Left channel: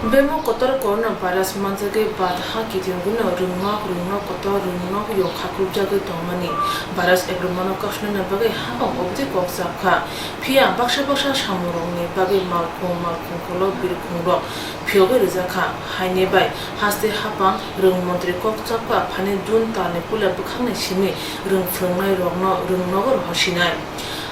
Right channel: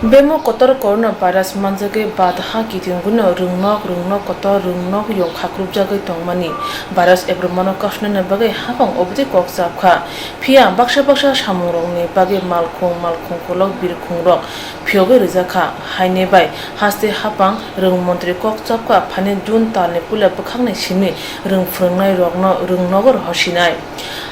Bemo kotor corona virus manjage badha kitinguna rungno kotor rungno yo khakrub jage tongmani virus ekromano kashne na bage habang obje koksapkha phia baksha samurong ne bage malkhong kolok birkhong ro phioge rizakha haine bai haste habang rung mantri koksapkha phane jun tale pula pkhangne simi rung phrongnai rokno rungnogor hosinai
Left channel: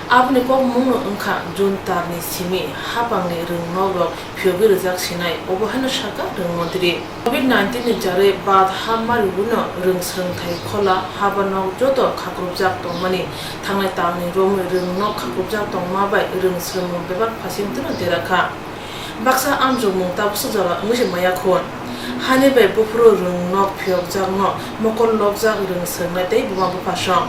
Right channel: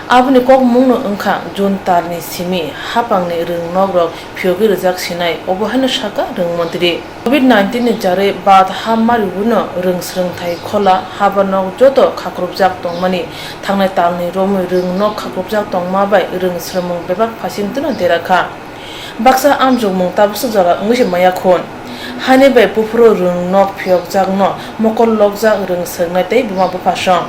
Abni kok mungno engkha jun tarni simi hapangni rungnogrok phiogi rijak sinai obohano saka rungmantri COVID-19 ni jare bad hamari buno rungsrung thai khola habanok joto khakrubjak tongmani thangnai talni romi rungnok khakrubjak tongma bai rungsrung bebak phasintno derakha baksa amjung mung tabsu jala ngisi maya khon hane bai pupro rungnok phiogjak no mokol lokjak rungsrung tei buma bapasang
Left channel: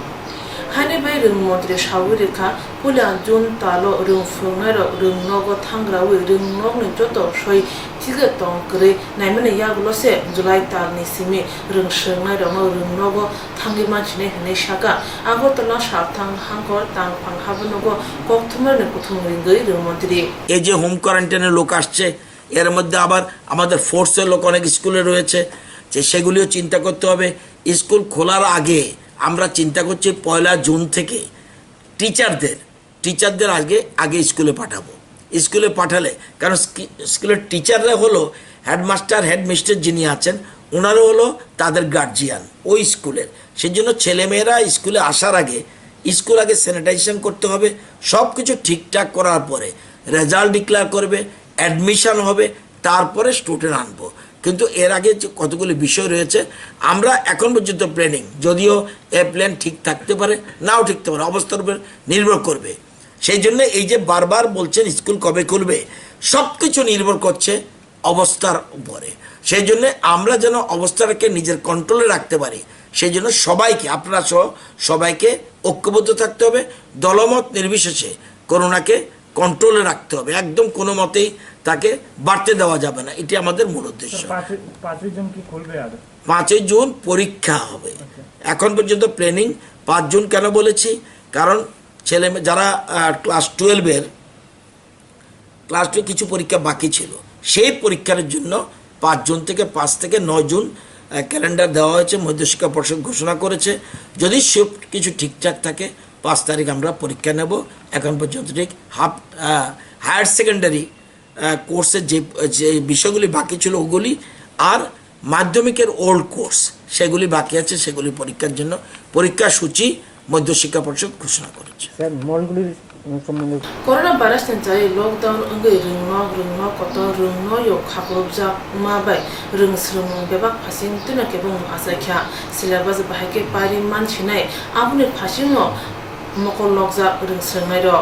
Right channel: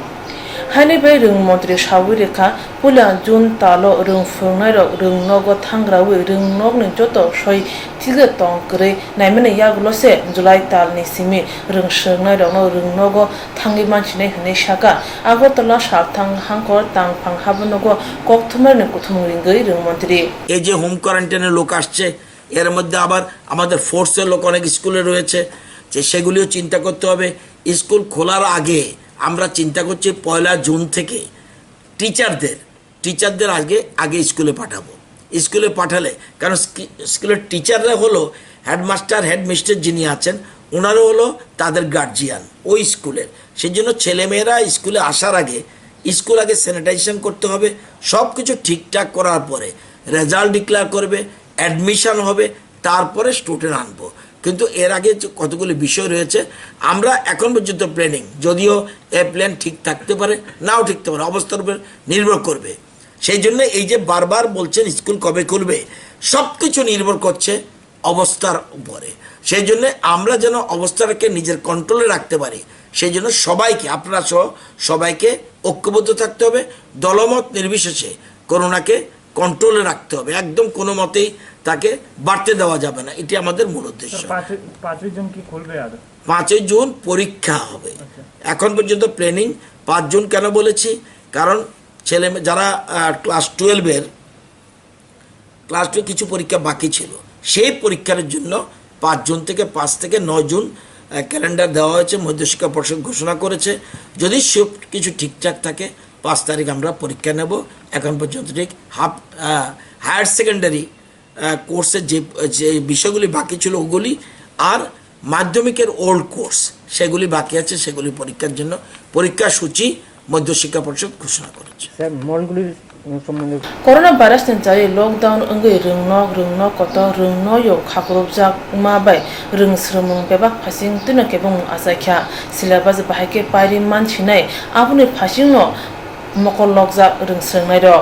Hani bai rung mantri shawirika pula jun talo rung fungnai rung nogo thangrawi rung nogni joto shoi tiga tongkre naimane yaglose July talni simi rung shengnai rung nogo thangi manchine hne shaka agotala sapthang hangkor tang phang habnogo kokthumerne kuthumringai rung mantri এই যে home কোয়ারেন্টাইনের লোক আসছে এর মধ্যে আবার আমাদের ফোর্সের লোক অনেক স্কুলে রয়েছে যে সেগুলিও চিন্তা করতে হবে স্কুল খোলার আগে আমরা চিন্তা করছি 1 জুন থেকে টিচারদের আগে স্কুলে পাঠাবো স্কুলে পাঠালে কারণ স্কুলের টিচাররা হলো হেডমাস্টার হেডমিস্টার যিনি আছেন ওনারও হলো তাদের গার্জিয়ান ওই স্কুলের সেজন্য ছেলেমেয়েরা স্কুলে আসার আগে স্কুল আগে স্যানিটাইজেশন করতে হবে সব কিছু ঠিকঠাক করার পরে রেজাল্ট ডিক্লেয়ার করবে অ্যাডমিশন হবে তারপরে স্টুডেন্ট আনবো কিন্তু এর আগে যে কতগুলি বিষয় রয়েছে আমরা এখন পর্যন্ত প্ল্যানিং যদিও এই প্ল্যান ঠিক থাকতে পারে নাও ঠিকতে পারে অবস্থার উপর নির্ভর করবে সেই জন্য এই যে বারবার বলছেন স্কুল কবে খুলবে সব কিছু নির্ভর করছে অবস্থার উপরে সেই জন্য আমরা যেন অবস্থাটাকে নিজের কন্ট্রোলে রাখতে পারি সেই জন্য সবাইকে আপনারা সহ সবাইকে ঐক্যবদ্ধ থাকতে হবে দলমত নির্বিশেষে করোনাকে কন্ট্রোলে রাখতে হবে একদম কোনো মতেই তাকে বাড়তে দেওয়া যাবে না এটি আমাদের মূল উদ্দেশ্য 5 জুন কি খুলবে আর 5 জুন পরীক্ষা হবে এখন পর্যন্ত প্ল্যানিং 5 জুন কেন বলেছি কারণ ছেলে যারা ক্লাস 12 কিছু পরীক্ষা বাকি ছিল সেই পরীক্ষার জন্য 5 জুন থেকে 5 থেকে 9 জুন ক্যালেন্ডার দেওয়া হয়েছে মধ্যশিক্ষা পর্ষদ ঘোষণা করেছে যদি সব কিছু ঠিকঠাক থাকে 5 তারিখ আমরা পরীক্ষা নেব এখন পর্যন্ত ঠিক হায়ার সেকেন্ডারি কোর্সের যে বিষয়গুলি বাকি ছিল ওগুলি আর মাধ্যমিকের ওল্ড কোর্স সেগুলি বাকি আছে সেগুলি পরীক্ষার জন্য পরীক্ষা সূচি মধ্যশিক্ষা পর্ষদ ঘোষণা করেছে স্যার মলগুলির সম্বন্ধে Corona virus ni jare lockdown angai rungno koto rungno yo khakrobjak ma bai rungsrumung bebak phasing tuna kebung asakha syllabus bahake pari man chinai abuni phasing no mokol lokjak rungsrungnai ro